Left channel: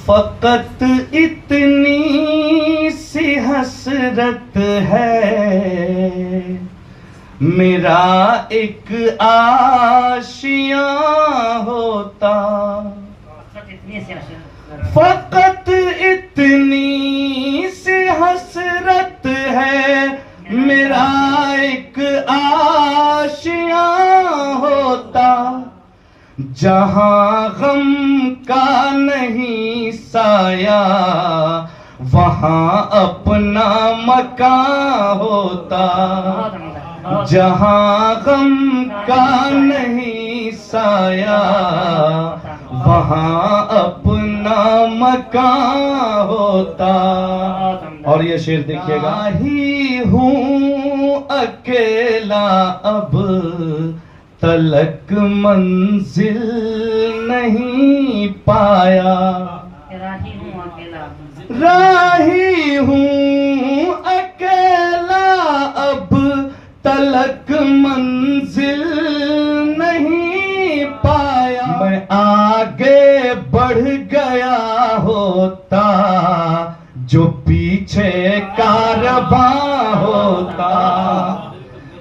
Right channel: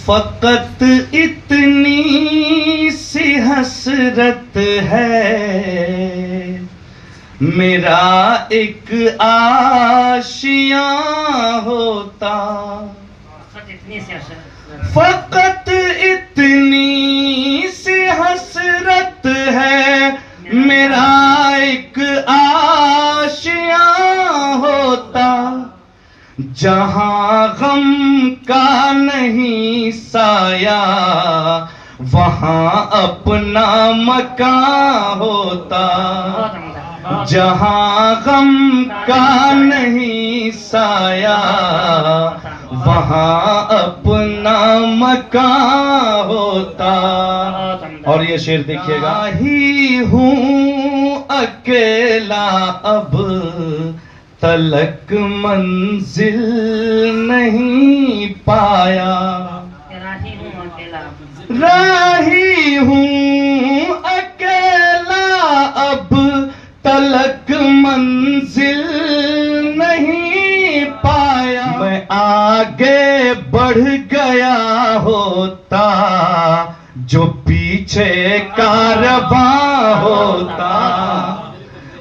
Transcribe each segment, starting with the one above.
फकत इतनी सी हसरत है, मेरा एक आशियां होता। फकत इतनी सी हसरत है, मेरा एक आशियां होता। जहां गम का नहीं साया, वहां अपना मकान होता। जहां गम का नहीं साया, वहां अपना मकान होता। और ये शेर देखिएगा, ही हूँ अकेला अब तलक मंजिल नहीं पाया। राही हूँ अकेला अब तलक मंजिल नहीं पाया। मैं आगे बढ़ गया होता, जो पीछे कारवां होता।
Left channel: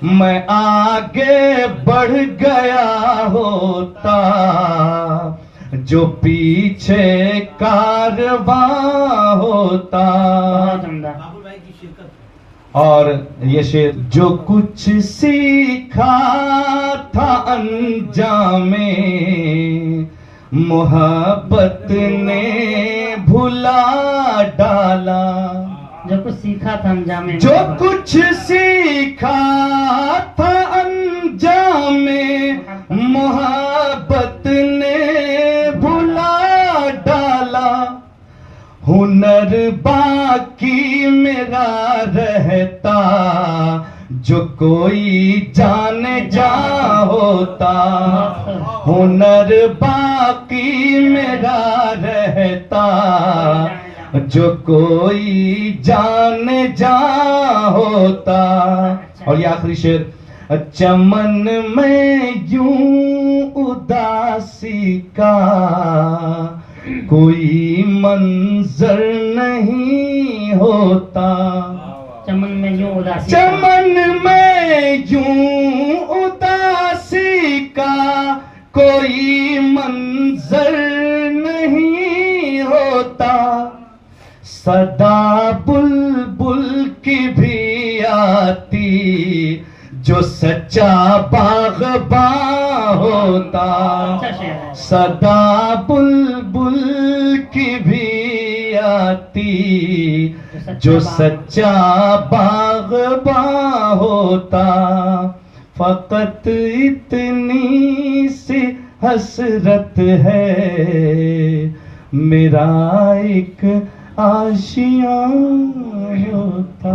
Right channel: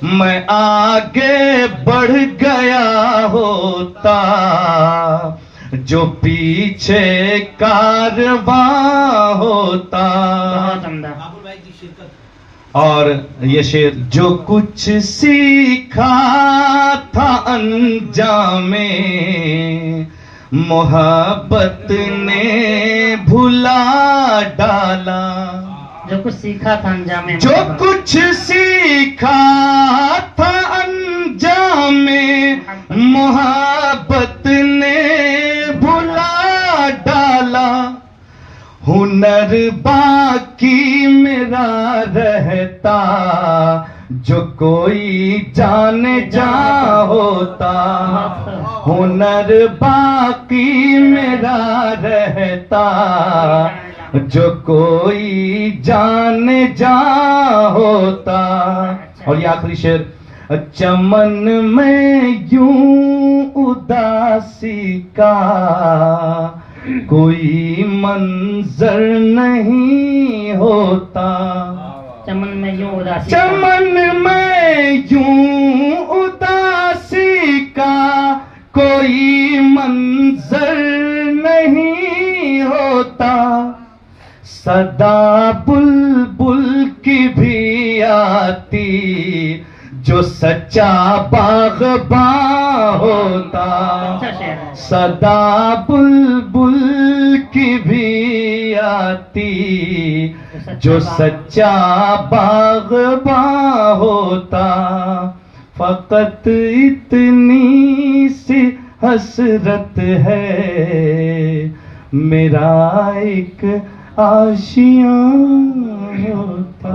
मैं आगे बढ़ गया होता, जो पीछे कारवां होता। और ये शेर, जो कुछ सीखा था अनजामे, मोहब्बत ने भुला डाला। जो कुछ सीखा था अंजामे, जो कुछ सीखा था अंजामे, मोहब्बत ने भुला डाला। हुनर बाकी मेरा रहता, जो कोई जाने जा होता। हुनर बाकी मेरा रहता, जो कोई जाने जा होता। और ये आखिरी शेर, चमन में यूं उदासी का कोई मंजर नहीं होता। चमन में यूं उदासी, चमन में यूं उदासी का कोई मंजर नहीं होता। सदा बुलबुल की भी आती, जो सच्चा बाग़बां होता। सदा बुलबुल की भी आती, जो सच्चा बाग़बां होता। फकत इतनी सी हसरत है, मेरा एक आशियां होता।